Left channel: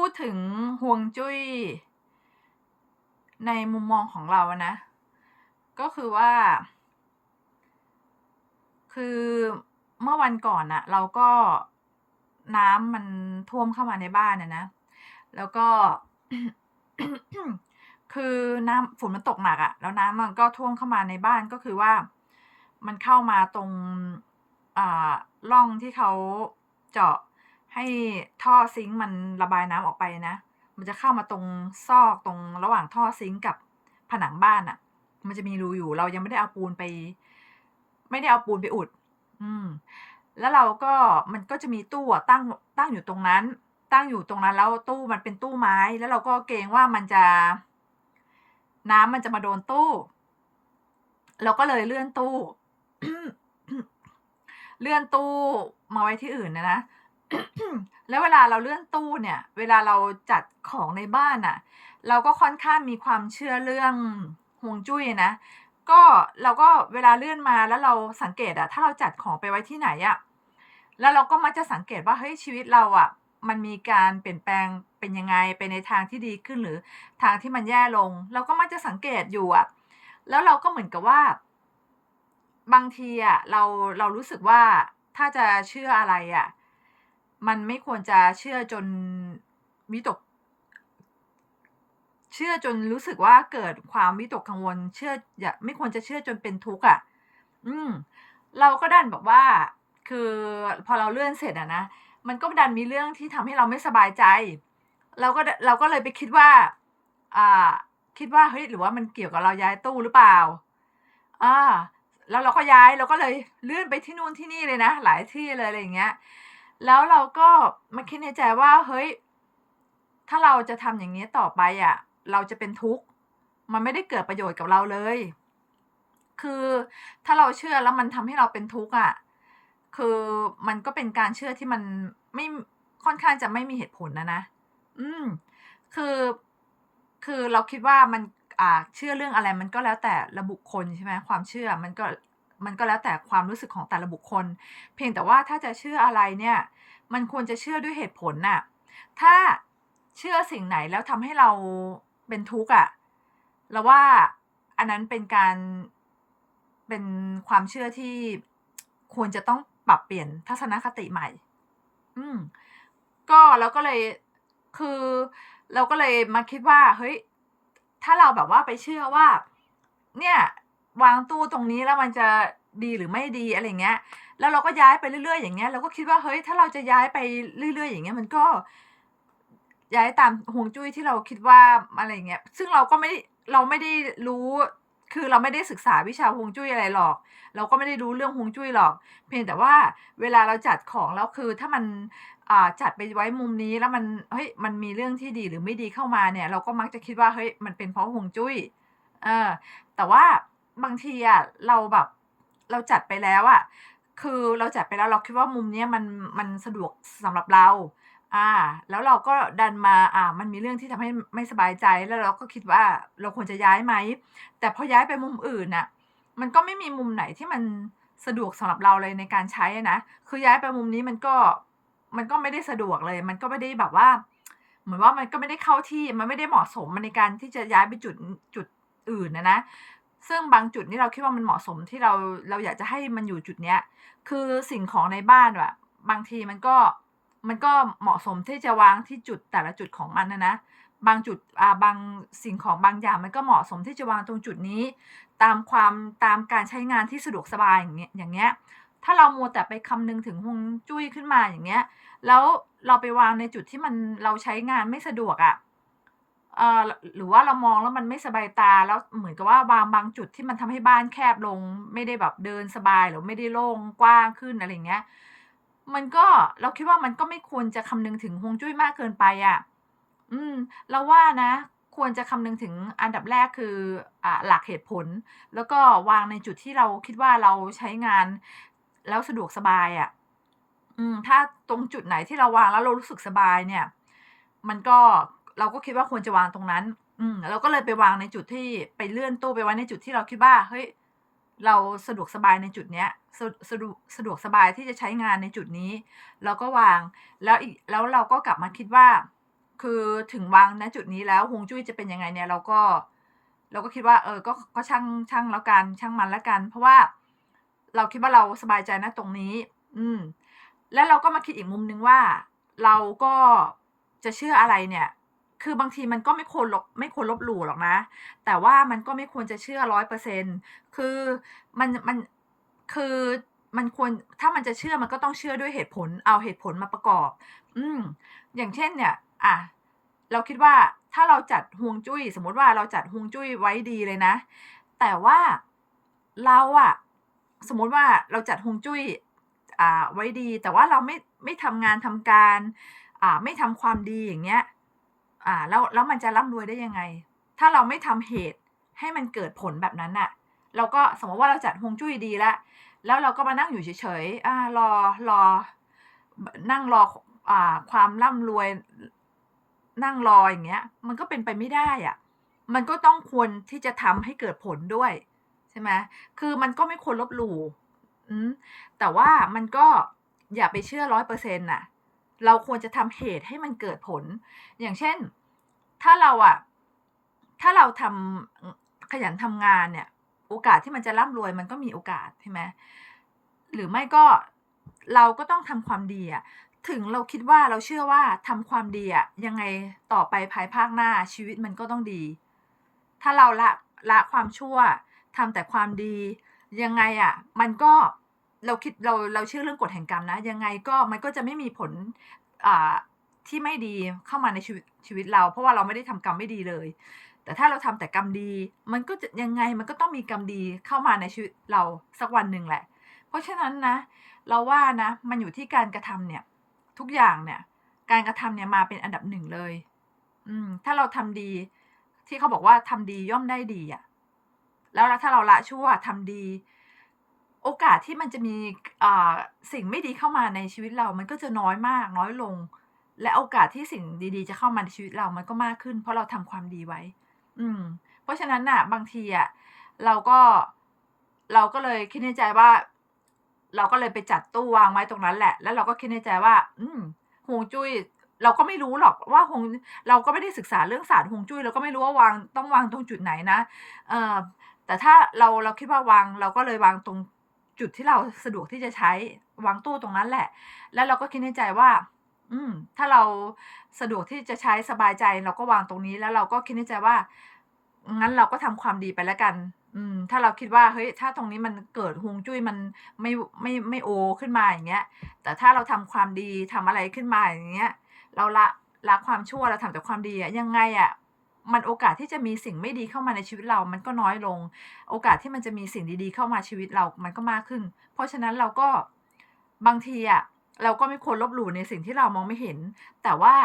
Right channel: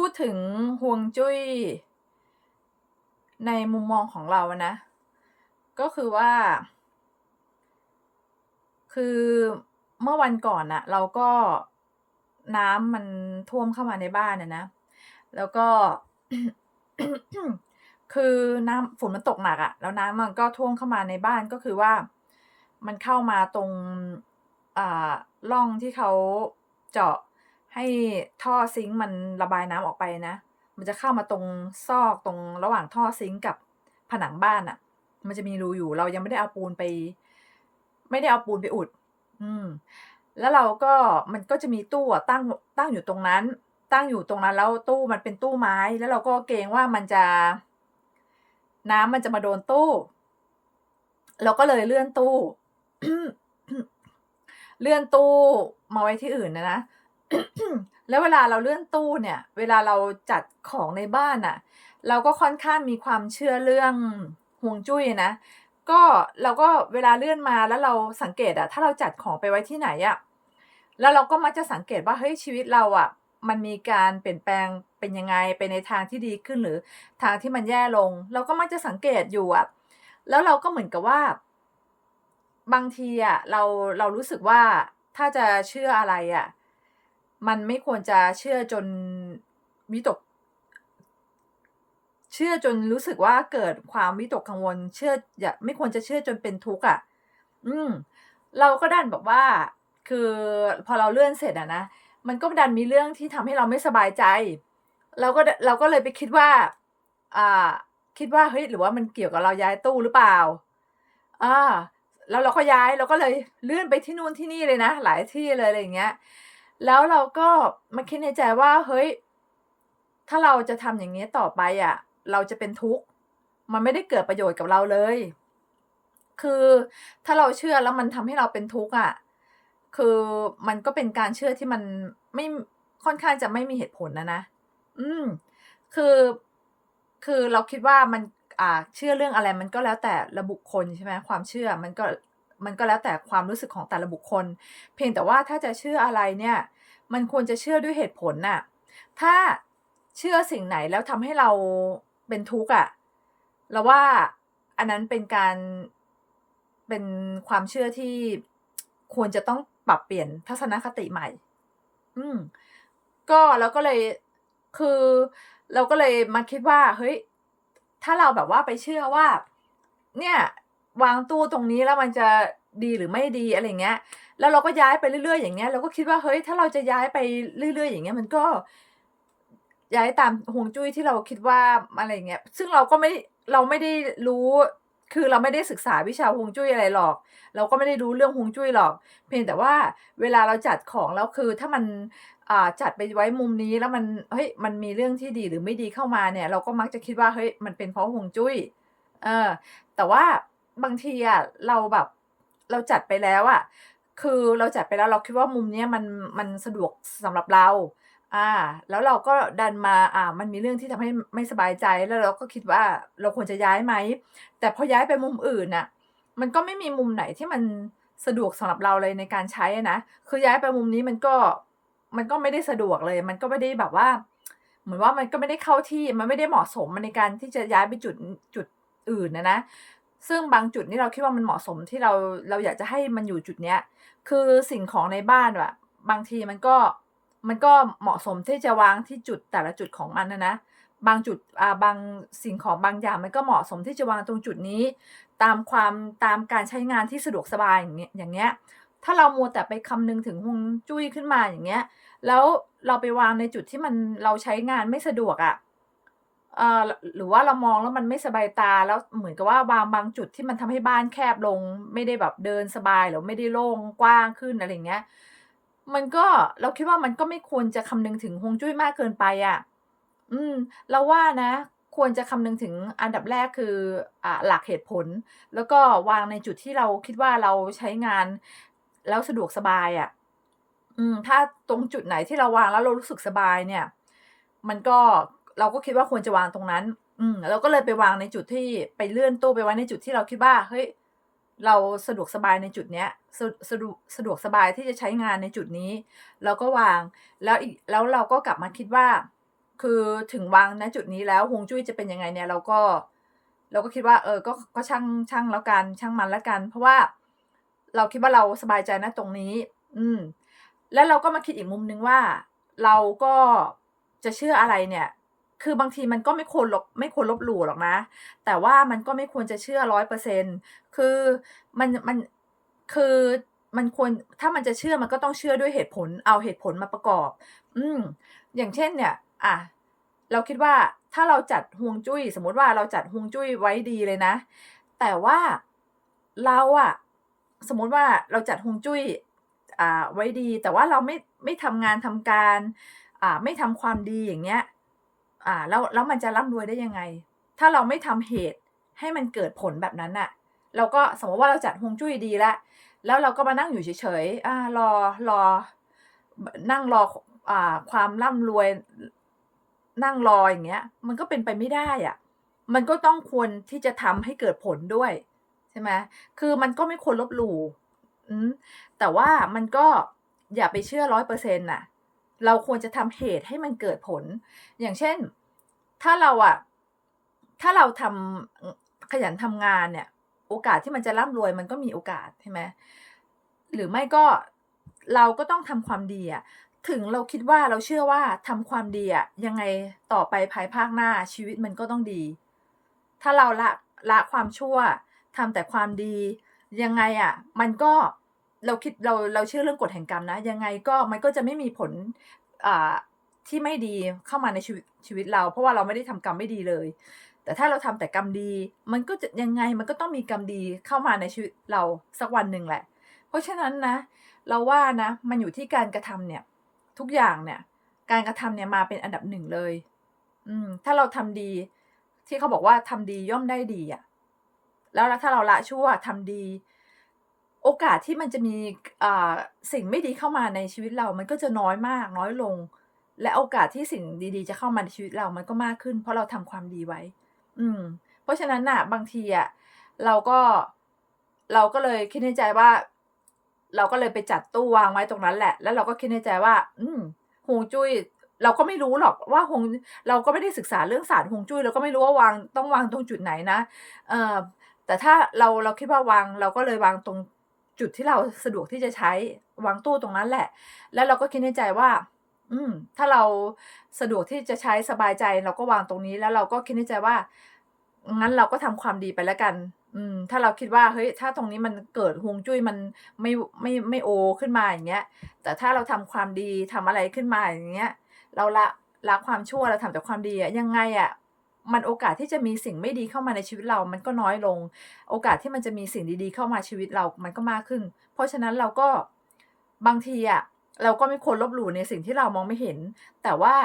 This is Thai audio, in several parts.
พูดถึงฮวงจุ้ย ในมุมมองของเรานะ ก็คือว่า คือเมื่อวันก่อนน่ะเราก็น้ำมันท่วมเข้ามาในบ้านอะนะ แล้วก็ คือน้ำฝนมันตกหนักอะแล้วน้ำมันก็ท่วมเข้ามาในบ้านก็คือว่า มันเข้ามาตรงอ่าร่องที่เขาเจาะ ให้ท่อซิงก์มันระบายน้ำออกไปนะ มันจะเข้ามาตรงซอกตรงระหว่างท่อซิงก์กับผนังบ้านน่ะ มันจะมีรูอยู่ เรายังไม่ได้เอาปูนไป ไม่ได้เอาปูนไปอุด อืม แล้วเราก็มันก็จะมีตู้ตั้งตั้งอยู่ตรงนั้น ตั้งอยู่ตรงนั้น แล้วตู้มันเป็นตู้ไม้ แล้วเราก็เกรงว่ามันจะ น้ำมันจะมาโดนตู้ เราก็เลยเลื่อนตู้ เลื่อนตู้มาไว้ที่อื่นนะนะ แล้วเวลาเราเลื่อนตู้เนี่ย เวลาเราจัดของในบ้านน่ะ เราก็ค่อนข้างมีความเชื่อเรื่องฮวงจุ้ยนะ ก็เราก็เวลาเลื่อนมาแล้วเราสังเกตอะถ้าเราจัดของไปไว้ที่ไหนอะแล้วเราก็มักจะสังเกตว่าเฮ้ยชีวิตเราอะมันมีการเปลี่ยนแปลงเป็นยังไงไปในทางที่ดีขึ้นหรือทางที่มันแย่ลง เราก็มักจะสังเกตอยู่อะแล้วเราก็เหมือนกับว่า บางทีอะเราเรารู้สึกว่าถ้าจะเชื่ออะไรอะ มันไม่ควรจะเชื่อจนวิตก เชื่อจนรู้สึกว่าเกิดความวิตกกังวล เชื่ออย่าไม่ควรจะเชื่อจนเป็นทุกข์อะ อืม เราก็ดันแบบว่า คือพอเราเลื่อนเสร็จอะนะมันก็ดันมีเรื่องที่ทำให้เราไม่สบายใจ เราก็เราก็เลยไปคิดว่า อ่า คิดว่าเฮ้ยหรือว่ามันเกี่ยวกับเราย้ายตู้หรือเปล่า?อ่าแล้วเราก็ย้ายเราก็เลยเลื่อนไปที่นู่นที่นี่เลยนะหลายที่เลยอะไรอย่างเงี้ย แล้วเราก็มาคิดในใจว่าเฮ้ย ถ้าเราจะทำอย่างงี้ต่อไปอะเราจะเป็นทุกข์ มันไม่ได้เกิดประโยชน์กับเราเลย คือถ้าเราเชื่อแล้วมันทำให้เราเป็นทุกข์อะ คือมันก็เป็นการเชื่อที่มันไม่ค่อนข้างจะไม่มีเหตุผลอะนะ อืม คือ คือเราคิดว่ามัน อ่า เชื่อเรื่องอะไรมันก็แล้วแต่ละบุคคลใช่ไหมความเชื่อมันก็ มันก็แล้วแต่ความรู้สึกของแต่ละบุคคล เพียงแต่ว่าถ้าจะเชื่ออะไรเนี่ย มันควรจะเชื่อด้วยเหตุผลน่ะ ถ้าเชื่อสิ่งไหนแล้วทำให้เราเป็นทุกข์อะเราว่าอันนั้นเป็นการเป็นความเชื่อที่ควรจะต้องปรับเปลี่ยนทัศนคติใหม่ อืม ก็เราก็เลยคือ เราก็เลยมาคิดว่า เฮ้ย ถ้าเราแบบว่าไปเชื่อว่า เนี่ย วางตู้ตรงนี้แล้วมันจะดีหรือไม่ดีอะไรเงี้ย แล้วเราก็ย้ายไปเรื่อย ๆ อย่างเงี้ยเราก็คิดว่าเฮ้ยถ้าเราจะย้ายไปเรื่อย ๆ อย่างเงี้ยมันก็ย้ายตามฮวงจุ้ยที่เราคิดว่าอะไรเงี้ย ซึ่งเราก็ไม่เราไม่ได้รู้คือเราไม่ได้ศึกษาวิชาฮวงจุ้ยอะไรหรอก เราก็ไม่ได้รู้เรื่องฮวงจุ้ยหรอก เพียงแต่ว่าเวลาเราจัดของแล้วคือถ้ามันอ่าจัดไปไว้มุมนี้แล้วมันเฮ้ยมันมีเรื่องที่ดีหรือไม่ดีเข้ามาเนี่ย เราก็มักจะคิดว่าเฮ้ยมันเป็นเพราะฮวงจุ้ยเออแต่ว่า บางทีอะเราแบบ เราจัดไปแล้วอะคือเราจัดไปแล้วเราคิดว่ามุมเนี้ยมันมันสะดวกสำหรับเรา อ่า แล้วเราก็ดันมาอ่า มันมีเรื่องที่ทำให้ไม่สบายใจแล้วเราก็คิดว่าเราควรจะย้ายไหม?แต่พอย้ายไปมุมอื่นน่ะ มันก็ไม่มีมุมไหนที่มันสะดวกสำหรับเราเลยในการใช้นะคือย้ายไปมุมนี้มันก็มันก็ไม่ได้สะดวกเลย มันก็ไม่ได้แบบว่า เหมือนว่ามันก็ไม่ได้เข้าที่มันไม่ได้เหมาะสมในการที่จะย้ายไปจุดจุดอื่นอะนะ ซึ่งบางจุดนี่เราคิดว่ามันเหมาะสมที่เราเราอยากจะให้มันอยู่จุดเนี้ย คือสิ่งของในบ้านอะบางทีมันก็มันก็เหมาะสมที่จะวางที่จุดแต่ละจุดของมันอะนะบางจุดอ่าบางสิ่งของบางอย่างมันก็เหมาะสมที่จะวางตรงจุดนี้ ตามความตามการใช้งานที่สะดวกสบายอย่างเงี้ยอย่างเงี้ยถ้าเรามัวแต่ไปคำนึงถึงฮวงจุ้ยขึ้นมาอย่างเงี้ย แล้วเราไปวางในจุดที่มันเราใช้งานไม่สะดวกอะ เอ่อหรือว่าเรามองแล้วมันไม่สบายตาแล้วเหมือนกับว่าวางบางจุดที่มันทำให้บ้านแคบลง ไม่ได้แบบเดินสบายหรือไม่ได้โล่งกว้างขึ้นอะไรเงี้ย มันก็เราคิดว่ามันก็ไม่ควรจะคำนึงถึงฮวงจุ้ยมากเกินไปอะอืม เราว่านะ ควรจะคำนึงถึงอันดับแรกคืออ่าหลักเหตุผล แล้วก็วางในจุดที่เราคิดว่าเราใช้งานแล้วสะดวกสบายอะอืม ถ้าตรงจุดไหนที่เราวางแล้วเรารู้สึกสบายเนี่ย มันก็ เราก็คิดว่าควรจะวางตรงนั้น อืมเราก็เลยไปวางในจุดที่ไปเลื่อนตู้ไปไว้ในจุดที่เราคิดว่าเฮ้ยเราสะดวกสบายในจุดเนี้ยสะสะดุสะดวกสบายที่จะใช้งานในจุดนี้ เราก็วางแล้วอีกแล้วเราก็กลับมาคิดว่า คือถึงวางณจุดนี้แล้วฮวงจุ้ยจะเป็นยังไงเนี่ยเราก็ เราก็คิดว่า เออ ก็ก็ช่างช่างแล้วกันช่างมันแล้วกัน เพราะว่าเราคิดว่าเราสบายใจณตรงนี้ อืม แล้วเราก็มาคิดอีกมุมหนึ่งว่า เราก็จะเชื่ออะไรเนี่ย คือบางทีมันก็ไม่ควรลบไม่ควรลบหลู่หรอกนะ แต่ว่ามันก็ไม่ควรจะเชื่อ100%คือมันมันคือมันควรถ้ามันจะเชื่อมันก็ต้องเชื่อด้วยเหตุผลเอาเหตุผลมาประกอบ อืมอย่างเช่นเนี่ยอะเราคิดว่าถ้าเราจัดฮวงจุ้ย สมมุติว่าเราจัดฮวงจุ้ยไว้ดีเลยนะ แต่ว่าเราอะสมมุติว่าเราจัดฮวงจุ้ยอ่าไว้ดี แต่ว่าเราไม่ไม่ทำงานทำการอ่าไม่ทำความดีอย่างเงี้ย อ่าแล้วแล้วมันจะร่ำรวยได้ยังไง?ถ้าเราไม่ทำเหตุให้มันเกิดผลแบบนั้นน่ะเราก็สมมติว่าเราจัดฮวงจุ้ยดีแล้วแล้วเราก็มานั่งอยู่เฉยๆอารอรอ นั่งรอคอ่าความร่ำรวย นั่งรออย่างเงี้ย มันก็เป็นไปไม่ได้อะมันก็ต้องควรที่จะทำให้เกิดผลด้วยใช่ไหมคือมันก็ไม่ควรลบหลู่อืมแต่ว่ามันก็อย่าไปเชื่อ100%น่ะ เราควรจะทำเหตุให้มันเกิดผล อย่างเช่น ถ้าเราอะถ้าเราทำอขยันทำงานเนี่ย โอกาสที่มันจะร่ำรวยมันก็มีโอกาสใช่ไหมหรือไม่ก็เราก็ต้องทำความดีอะถึงเราคิดว่าเราเชื่อว่าทำความดีอะยังไงต่อไปภายภาคหน้าชีวิตมันก็ต้องดี ถ้าเราละละความชั่วทำแต่ความดียังไงอะมันก็ เราคิดเราเราเชื่อเรื่องกฎแห่งกรรมนะ ยังไงก็มันก็จะไม่มีผลอ่าที่ไม่ดีเข้ามาในชีวิตชีวิตเรา เพราะว่าเราไม่ได้ทำกรรมไม่ดีเลย แต่ถ้าเราทำแต่กรรมดี มันก็จะยังไงมันก็ต้องมีกรรมดีเข้ามาในชีวิตเราสักวันหนึ่งแหละ เพราะฉะนั้นนะ เราว่านะ มันอยู่ที่การกระทำเนี่ย ทุกอย่างเนี่ย การกระทำเนี่ยมาเป็นอันดับ1เลย อืม ถ้าเราทำดี ที่เขาบอกว่าทำดีย่อมได้ดีอะแล้วถ้าเราละชั่วทำดี โอกาสที่มันจะมี อ่า สิ่งไม่ดีเข้ามาในชีวิตเรามันก็จะน้อยมาก น้อยลง และโอกาสที่สิ่งดี ๆ จะเข้ามาในชีวิตเรามันก็มากขึ้น เพราะเราทำความดีไว้ อืม เพราะฉะนั้นน่ะ บางทีอะเราก็ เราก็เลยคิดในใจว่า เราก็เลยไปจัดตู้วางไว้ตรงนั้นแหละ แล้วเราก็คิดในใจว่า อืมฮวงจุ้ยเราก็ไม่รู้หรอกว่าฮวงเราก็ไม่ได้ศึกษาเรื่องศาสตร์ฮวงจุ้ยเราก็ไม่รู้ว่าวางต้องวางตรงจุดไหนนะ เอ่อแต่ถ้าเราเราคิดว่าวางเราก็เลยวางตรง จุดที่เราสะดวกที่จะใช้วางตู้ตรงนั้นแหละ แล้วเราก็คิดในใจว่า อืม ถ้าเราสะดวกที่จะใช้สบายใจเราก็วางตรงนี้ แล้วเราก็คิดในใจว่า งั้นเราก็ทำความดีไปแล้วกัน อืม ถ้าเราคิดว่าเฮ้ย ถ้าตรงนี้มันเกิดฮวงจุ้ยมันไม่ไม่ไม่โอขึ้นมาอย่างเงี้ย แต่ถ้าเราทำความดีทำอะไรขึ้นมาอย่างเงี้ย เราละละความชั่วเราทำแต่ความดีอะยังไงอะ มันโอกาสที่จะมีสิ่งไม่ดีเข้ามาในชีวิตเรา มันก็น้อยลง โอกาสที่มันจะมีสิ่งดีๆ เข้ามาชีวิตเรา มันก็มากขึ้น เพราะฉะนั้นเราก็บางทีอะเราก็ไม่ควรลบหลู่ในสิ่งที่เรามองไม่เห็น แต่ว่า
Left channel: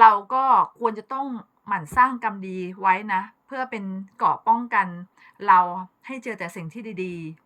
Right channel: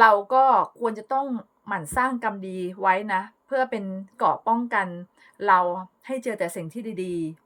เราก็ควรจะต้องหมั่นสร้างกรรมดีไว้นะ เพื่อเป็นเกราะป้องกัน เราให้เจอแต่สิ่งที่ดีๆ